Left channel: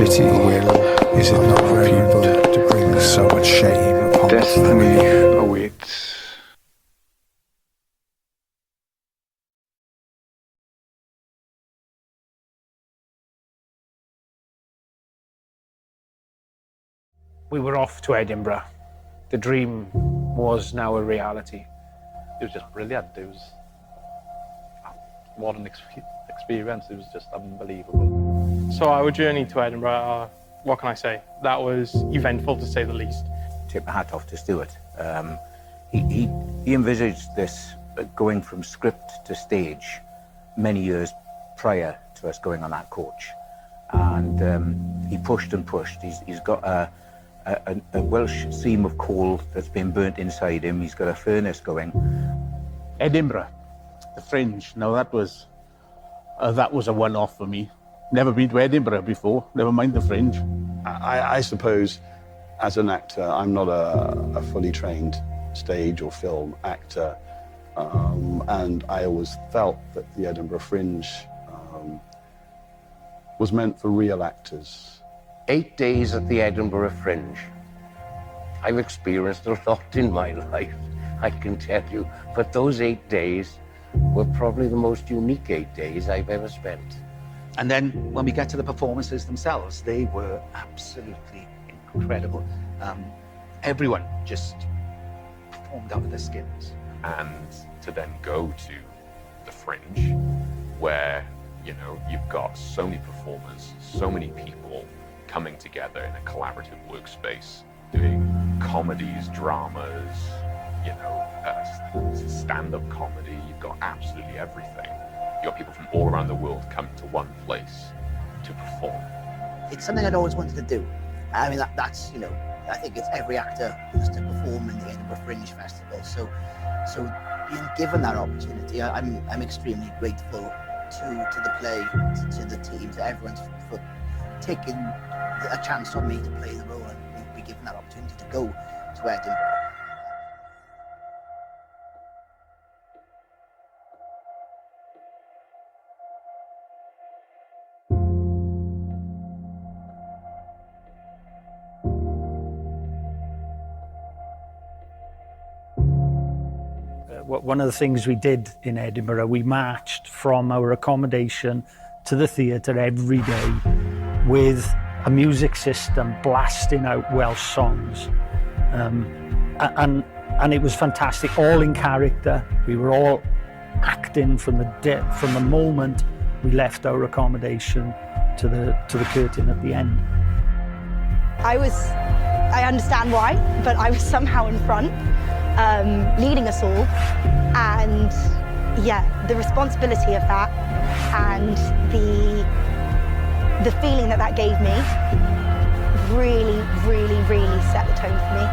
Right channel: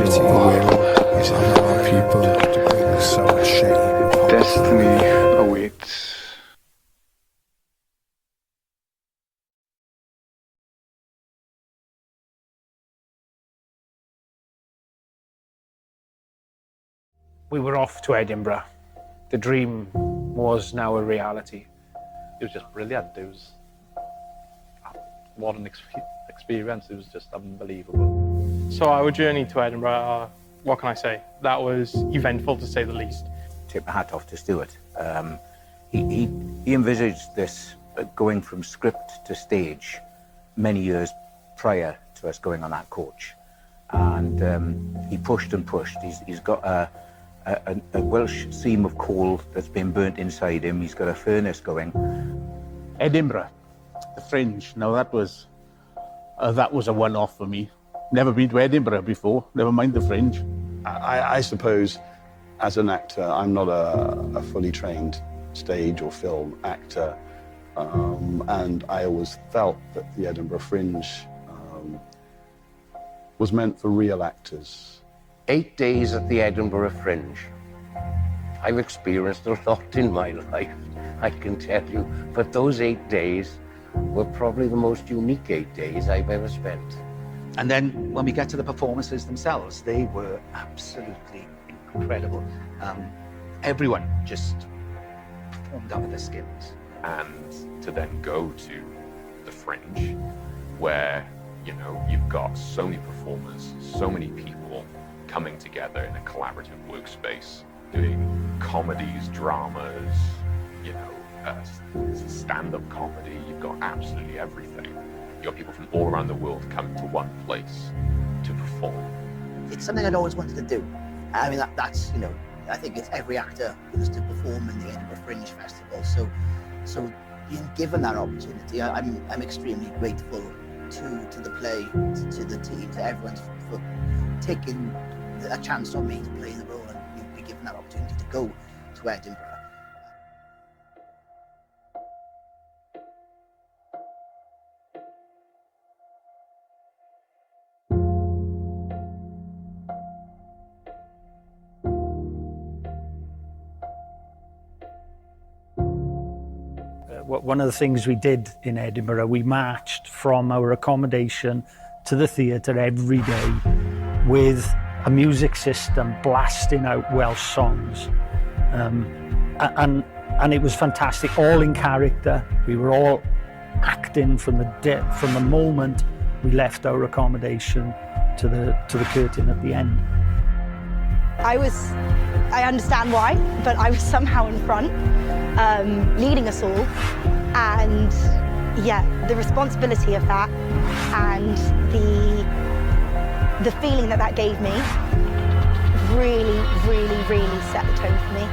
pity will is it not our people to bring so much shame upon Destiny awaits. We were off to Edinburgh. The dream was now a reality. It was just brilliant. It was, what an experience. It was just unbelievable. So our journey to Edinburgh, what can I say? That was eventful, to say the least. Tip my hat off to Stuart. He envisaged this going from script to stage many years prior to us going on that coach. And he pushed and pushed. He's got a Welsh seam of coal that's been burnt inside him. He's got a furnace going. Edinburgh, the Fringe. Now that was a one-off for me. Never been to Edinburgh before, never mind the Fringe. I suppose as an actor, I'm not a fully trained stage or film actor. And I always felt that the Edinburgh Fringe was meant for real actors. 8 days at the Edinburgh Fringe. I've experienced a lot in my life, I can tell you, but those 8 days were probably the most unique 8 days I've ever spent. And then when we get to the performances themselves, they were absolutely incredible. Everyone just performed out of their skins. And to then go to the Fringe, where, you know, you've got so many performers, so many people coming together in a collaborative workspace, doing comedies, dramas, you know, stand-up comedy. You've got absolutely everything. You've got people from all around the world coming to one place to perform. It's something I'd always wanted to do. I mean, that's, you know, I think it's every actor wants to perform in the Edinburgh Fringe Festival. So being given that opportunity, I'm extremely grateful to the play, to the team, to everyone for taking a chance on me to play the role and be given that opportunity to go to Edinburgh. One of the things we did in Edinburgh, we marched from our accommodation to the theatre every day with a music system blasting out Welsh songs. And it was fantastic, all in character. We were all acting from the moment we left our accommodation to the curtain at the end. I understand why, but I was somehow in front, leading us all. And yeah, the responsibility of that and the feeling that gave me really set the tone for me.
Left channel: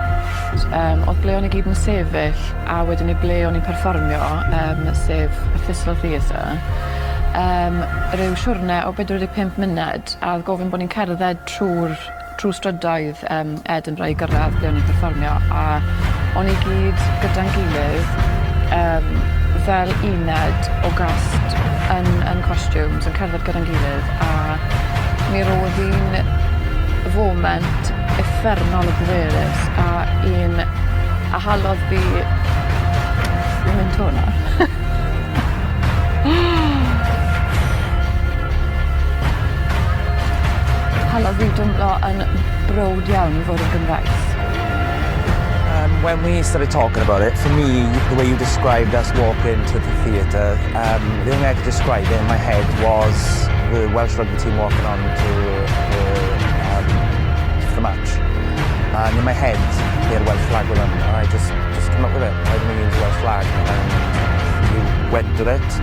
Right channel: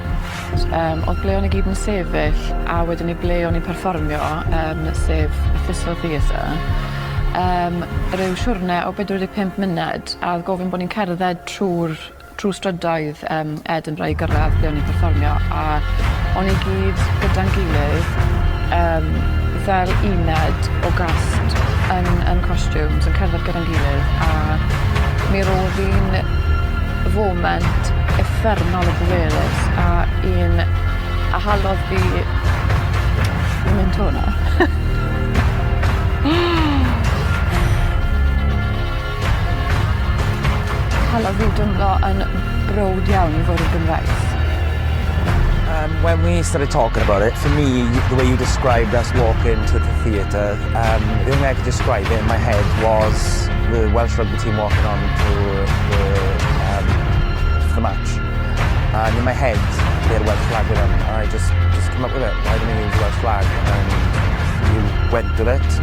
Oedd ble o'n i gyd yn sefyll, a wedyn i ble o'n i'n perfformio, sef y Festival Theatre. Ryw siwrne o 45 munud, a gofyn bod ni'n cerdded trwy strydoedd Edinburgh i gyrraedd ble o'n i'n perfformio, a o'n i gyd gyda'n gilydd fel uned o gast yn costumes, yn cerdded gyda'n gilydd, a mi roedd hi'n foment effernol o bwerus a halodd fi mynd hwnna. Halodd fi dymlo yn browd iawn I fod yn Gymraes. When we started talking about it, for me, the way you described us walking to the theatre, the only way I could describe it in my head was the Welsh rugby team walking on to the match. And in my head, they had a Welsh flag with them, and I just came up with it. Why don't we use a Welsh flag? And you went with it,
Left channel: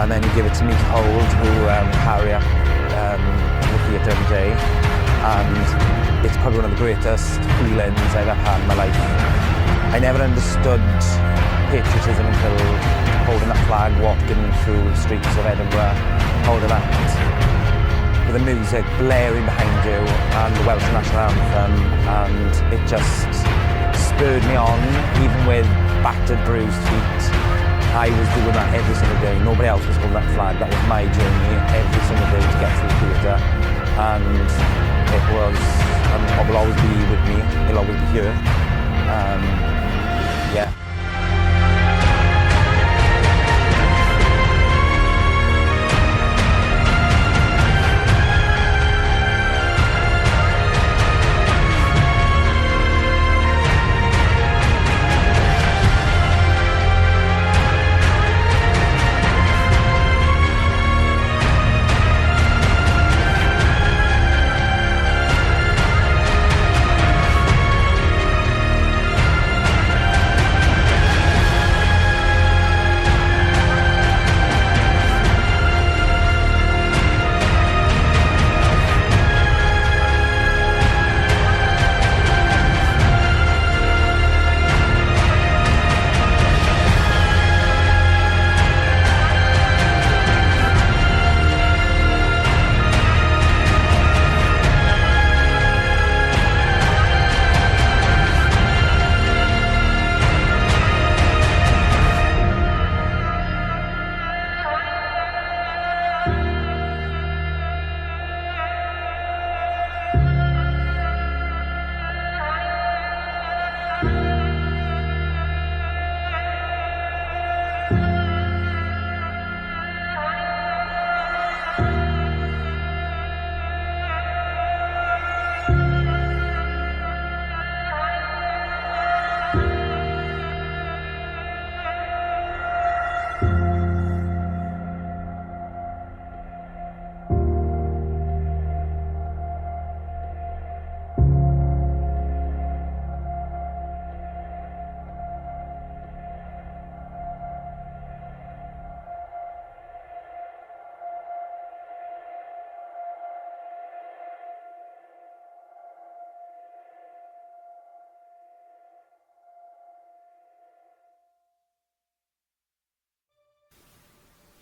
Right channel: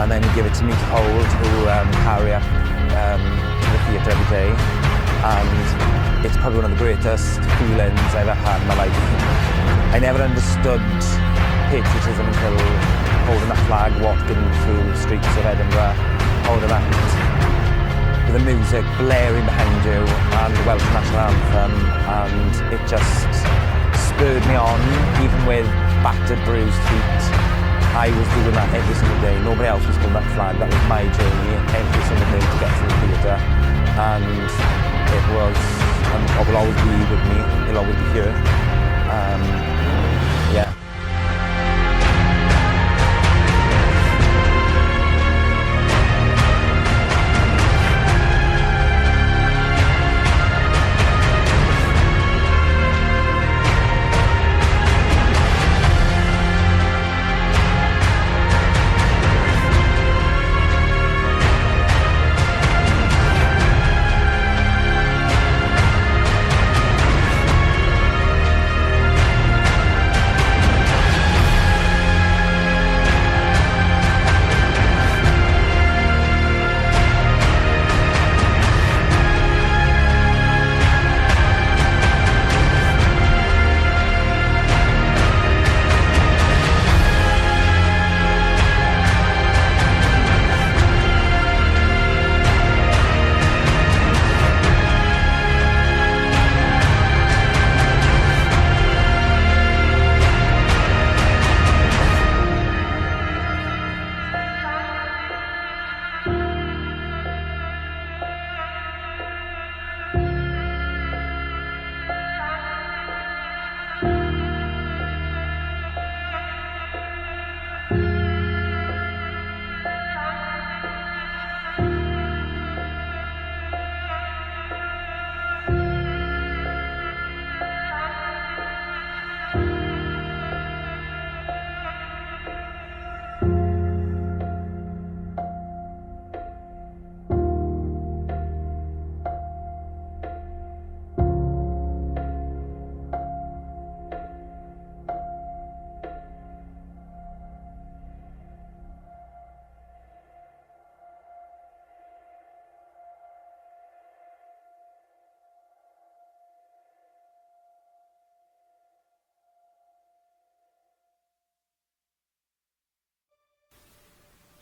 and then you give it to me to hold, who carry up to the theatre every day. And it's probably one of the greatest feelings I've ever had in my life. I never understood patriotism until holding that flag, walking through the streets of Edinburgh, holding that with the music blaring behind you and the Welsh national anthem, and it just spurred me on, even with battered, bruised feet. I was doing that every single day. Nobody else was holding that flag. That was my journey every single day to get to the theatre. and it was, and will always be with me. He'll always be here. Yeah.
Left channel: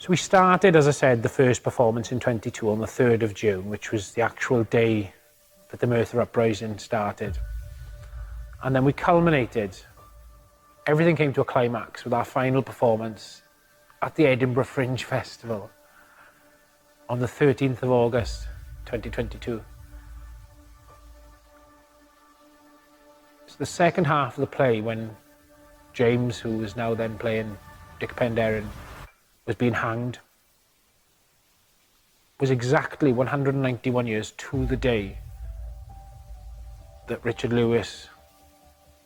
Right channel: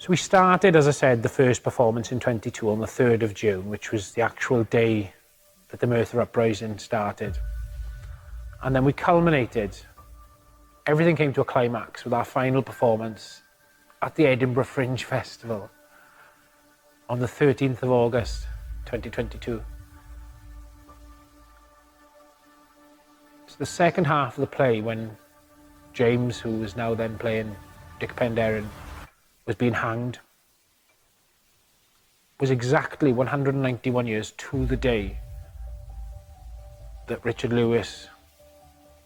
So we started, as I said, the first performance in 22 on the 3rd of June, which was the actual day that the Merthyr Uprising started. And then we culminated, everything came to a climax with our final performance at the Edinburgh Fringe Festival on the 13th of August, 2022. It's the second half of the play when James, who was now then playing Dic Penderyn, was being hanged, was exactly 191 years to the day that Richard Lewis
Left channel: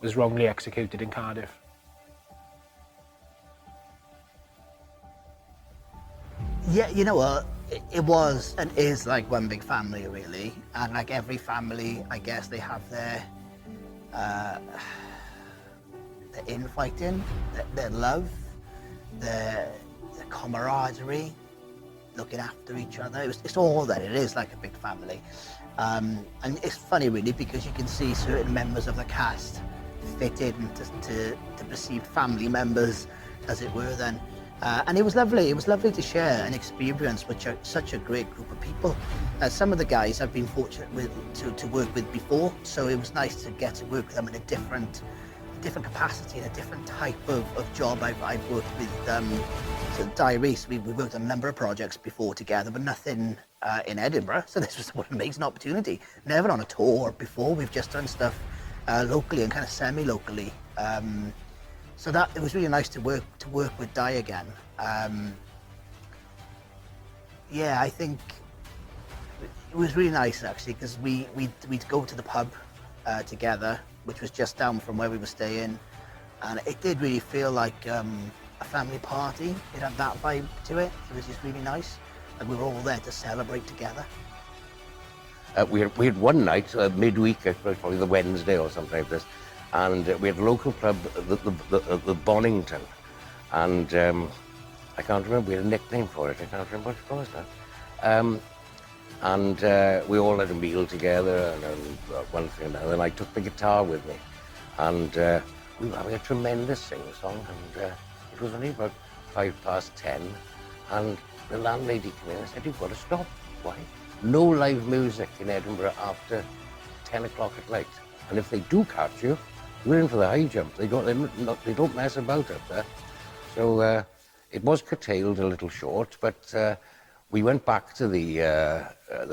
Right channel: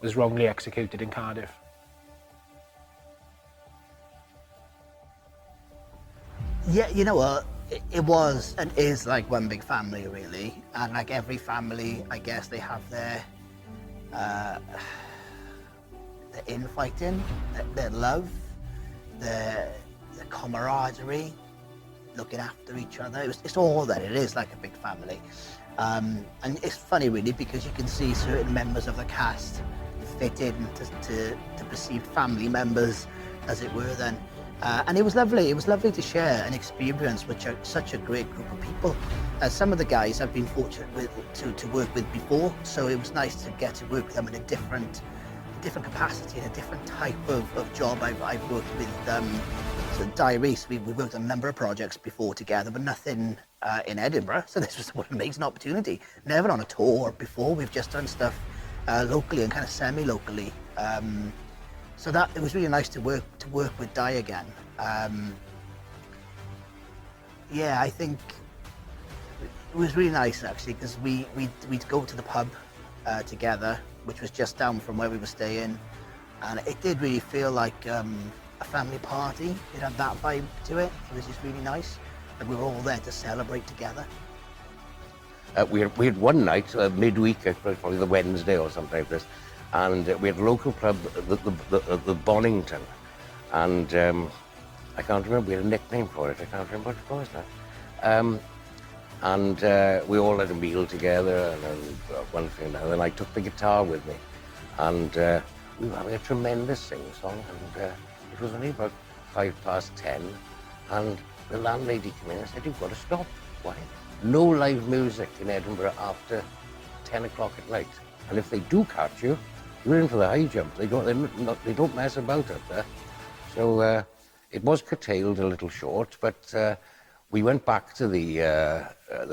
was wrongly executed in Cardiff. Yeah, you know what? It was and is like one big family, really. And like every family, I guess they have their infighting, their love, their camaraderie, looking after each other. It's all that it is, like a big family. And it's funny, really, because you can see certain members of the cast fit in to perceived family members, as it were, then. And it was lovely. It was lovely to share an experience with such a great group of people. Some of the guys I've been fortunate to work with before, so it was nice to get to work with them in a different capacity, in a different type of job. I've worked with so Di Reese, we worked on a number of projects before together, but nothing in Edinburgh. So this was what an amazing opportunity. Never on a tour before. We've just done stuff locally and kind of semi-locally. So that it was really nice to work with Di again. Yeah, I think it was really nice actually, because we'd go to the pub together, which was just down from where we were staying, and it did really feel like a family party. It had that vibe to it. It was just really nice. Like we were all there to celebrate together. We had one night, midweek, probably the Wednesday or something like this, and we had a local club, the Bonington, and I can't remember, we had a nickname for it, I can't remember what it was now. And we all had a meal together, and one thing and another, and I took the guitar with me, and we were having a tremendous sing-song, and it was only about 10:05, and the landlady came in and said, "You've got to stop." Why? No live music in Edinburgh after 10 o'clock at night. And if they do catch you, you're in for the high jump. They don't mess about up there. So it was curtailed a little short, but we went back to the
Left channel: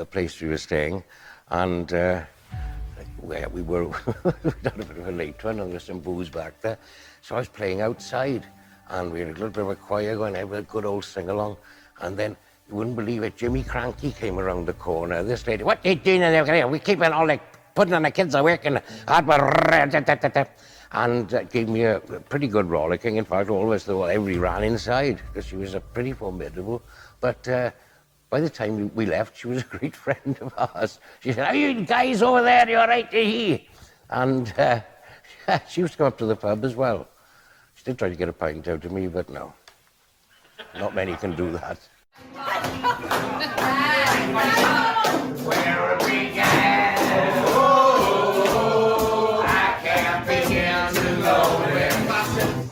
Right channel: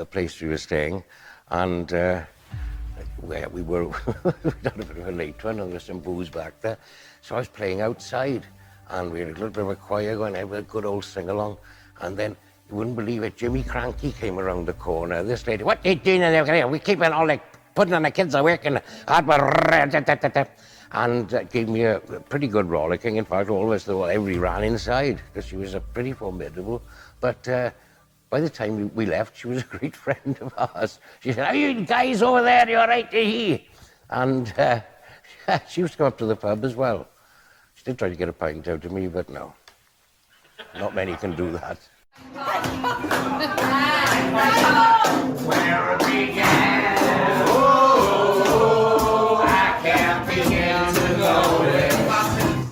place we were staying, and we were we'd had a bit of a late one, and there was some booze back there. So I was playing outside, and we had a little bit of a choir going, have a good old sing-along, and then you wouldn't believe it, Jimmy Cranky came around the corner. This lady, what are you doing in there? We keep it all like putting on the kids are working hard, and gave me a pretty good rollicking. In fact, all of us, everybody ran inside because she was pretty formidable. But by the time we left, she was a great friend of ours. She said, "Are you guys over there? You're right to hear." And she used to come up to the pub as well. She did try to get a pint out of me, but no, not many can do that. Where we began. Oh, I can't begin to know it.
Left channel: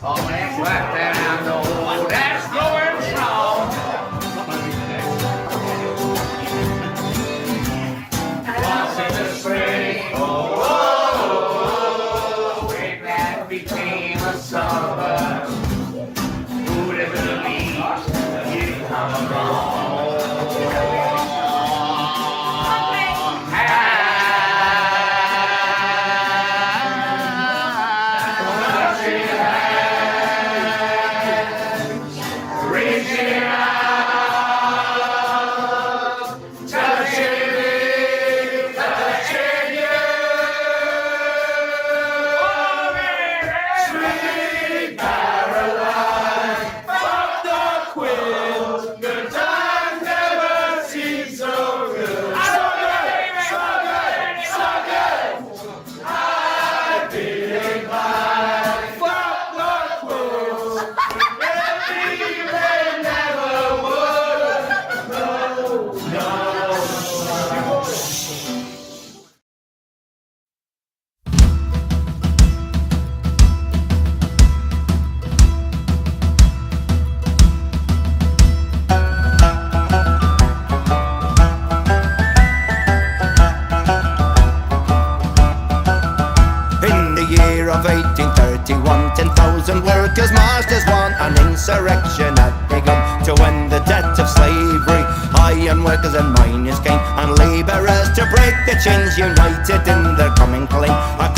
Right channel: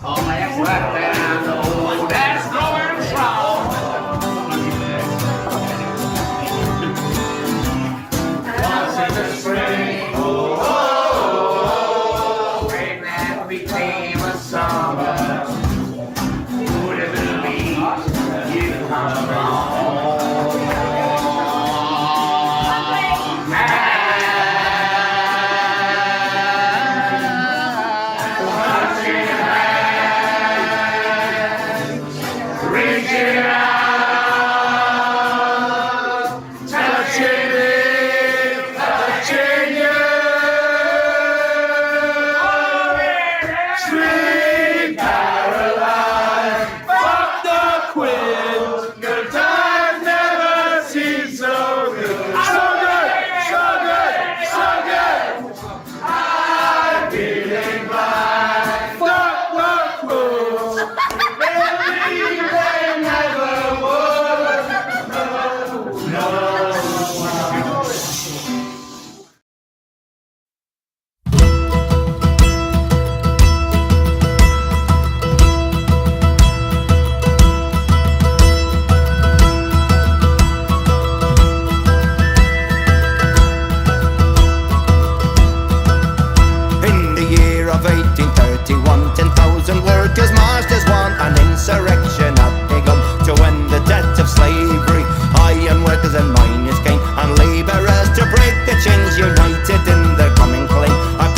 All my ex-wife that I know that's going wrong. Once in the spring, spring that became a summer. Who would have believed you'd come along? Of 1831, 10,000 workers marched as one. An insurrection had begun to end the debt of slavery. Iron workers and miners came, and labourers to break the chains united in their common claim. A